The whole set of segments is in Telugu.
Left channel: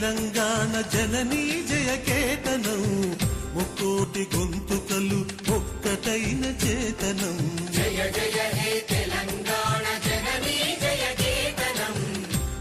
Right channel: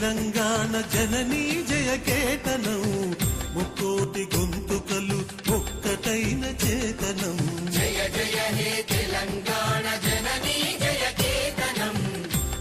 తెలంగాణ జననీ జయకేతనం ముక్కోటి గొంతుకలు ఒక్కటైన చేతనం జయ జయ హే తెలంగాణ జననీ జయకేతనం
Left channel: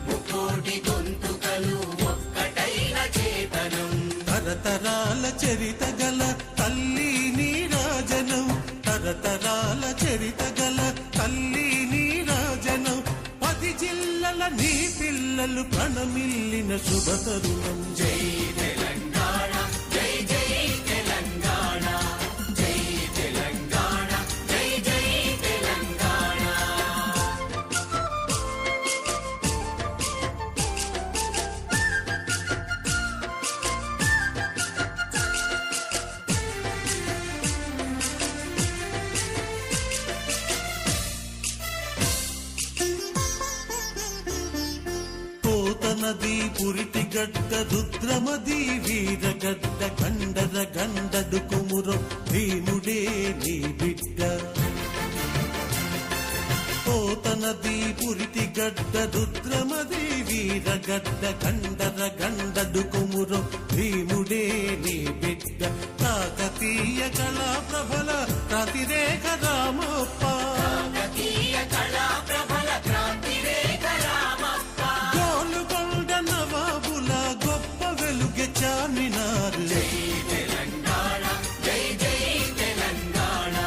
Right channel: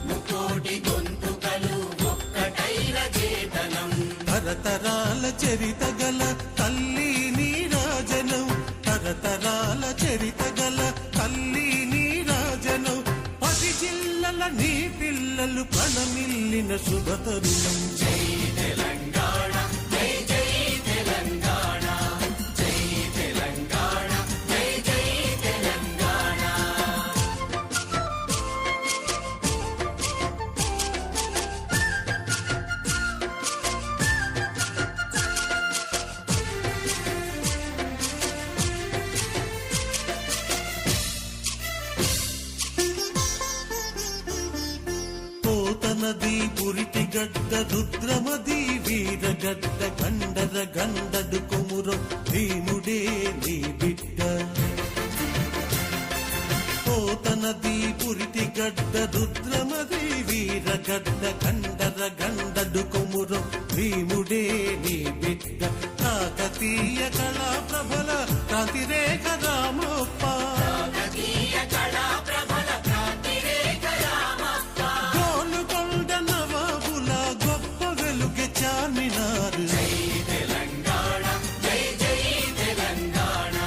ముక్కోటి గొంతుకలు ఒక్కటైన చేతనం తరతరాల చరిత గల తల్లి నీరాజనం తరతరాల చరిత గల తల్లి నీరాజనం 10 జిల్లల నీ పిల్లలు ప్రణమిల్లిన శుభతరుణం జై తెలంగాణ జై జై తెలంగాణ జై తెలంగాణ జై జై తెలంగాణ నది పురిటి గడ్డ రుద్రమది వీరగడ్డ గండర గండడు కొమురం భీముడే నీ బిడ్డ పోతనది పురిటి గడ్డ రుద్రమది వీరగడ్డ గండర గండడు కొమురం భీముడే నీ బిడ్డ కాకతీయ కళా ప్రభల క్రాంతిరేఖ రామప్ప నవాబుల గొప్ప వెలుగె చార్మినార్ జై తెలంగాణ జై జై తెలంగాణ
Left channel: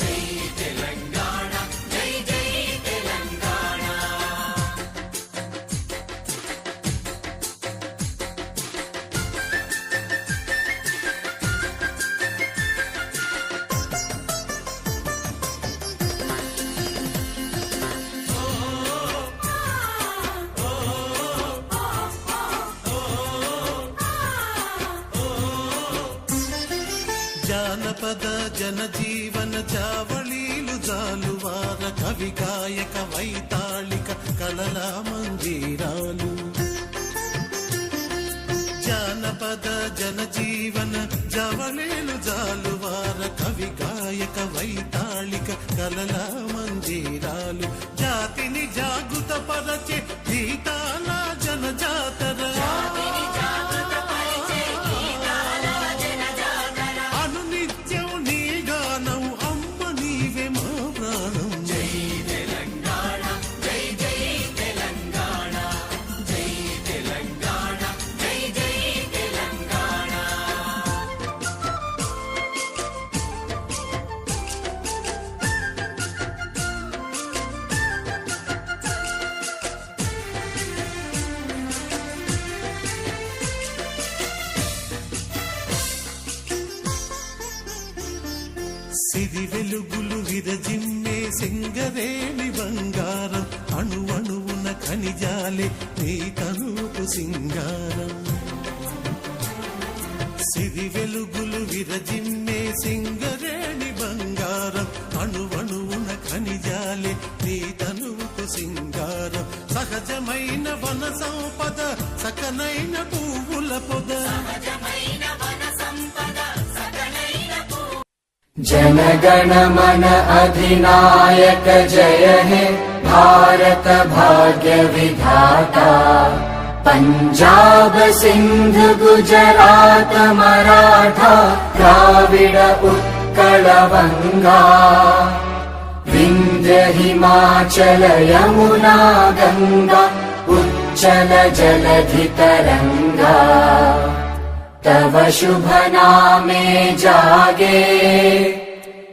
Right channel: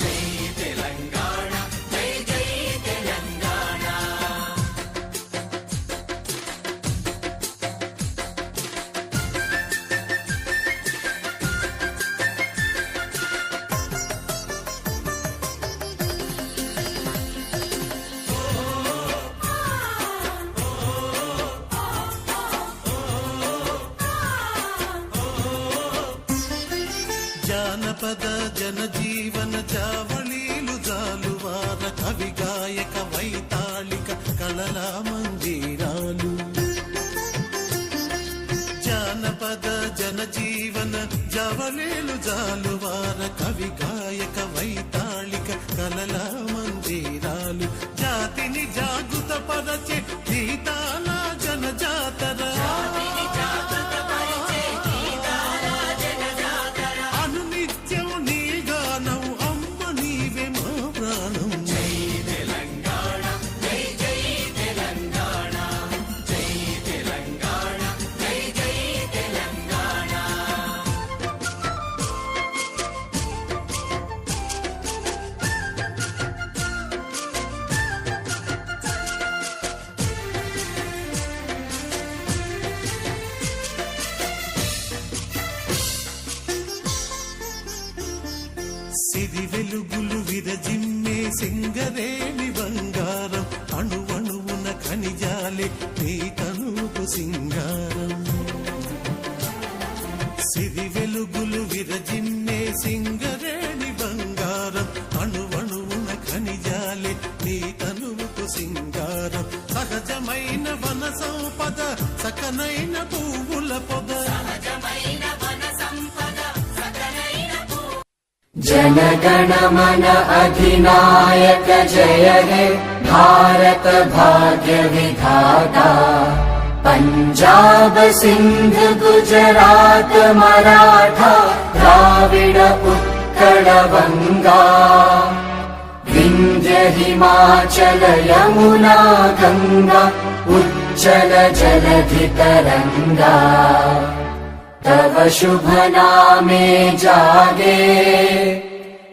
జై తెలంగాణ జై జై తెలంగాణ జానపద జనజీవన జావళీలు జాలువార కవి గాయక వైతాళిక కళల మంజీరాలు జానపద జనజీవన జావళీలు జాలువార కవి గాయక వైతాళిక కళల మంజీరాలు జాతిని జాగృత పరచే గీతాల జనజాతర నిత్యం నీ గానం అమ్మ నీవే మా ప్రాణం జై తెలంగాణ జై జై తెలంగాణ జై తెలంగాణ జై జై తెలంగాణ సిరి వెలుగులు విరజిమ్మే సింగరేణి బంగారం అణువణువున ఖనిజాలే నీ తనుకు సింగారం సిరి వెలుగులు విరజిమ్మే సింగరేణి బంగారం అణువణువున ఖనిజాలే నీ తనుకు సింగారం సహజమైన వన సంపద సకనైన పువ్వుల పొద जनगण मन अधिनायक जय हे भारत भाग्य विधाता पंजाब सिंध गुजरात मराठा द्राविड उत्कल गंगा विंध्य हिमाचल यमुना गंगा उच्चल जलधि तरंगा तव शुभ नामे जागे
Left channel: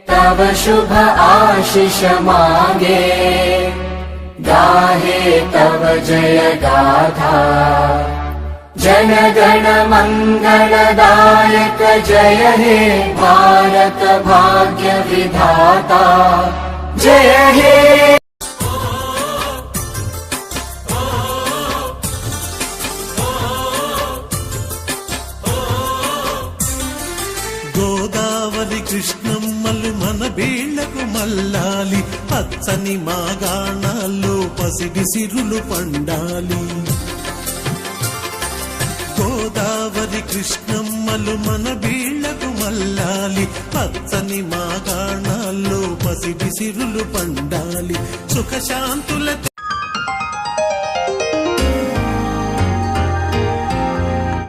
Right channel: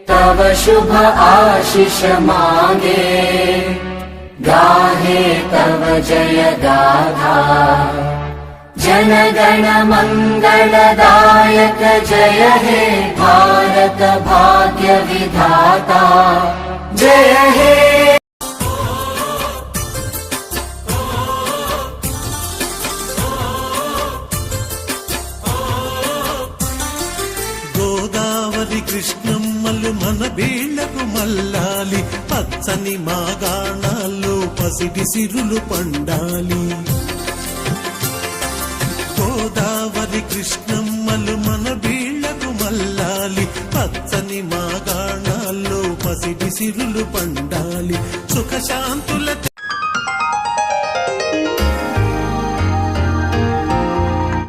तव शुभ आशीष मांगे गाहे तव जय गाथा जनगण मंगलदायक जय हे भारत भाग्य विधाता जय हे గోదావరి కృష్ణమ్మలు మన బీళ్లకు మల్లాలి పచ్చని మాగాణాల్లో పసిడి సిరులు పండాలి గోదావరి కృష్ణమ్మలు మన బీళ్లకు మల్లాలి పచ్చని మాగాణాల్లో పసిడి సిరులు పండాలి సుఖశాంతుల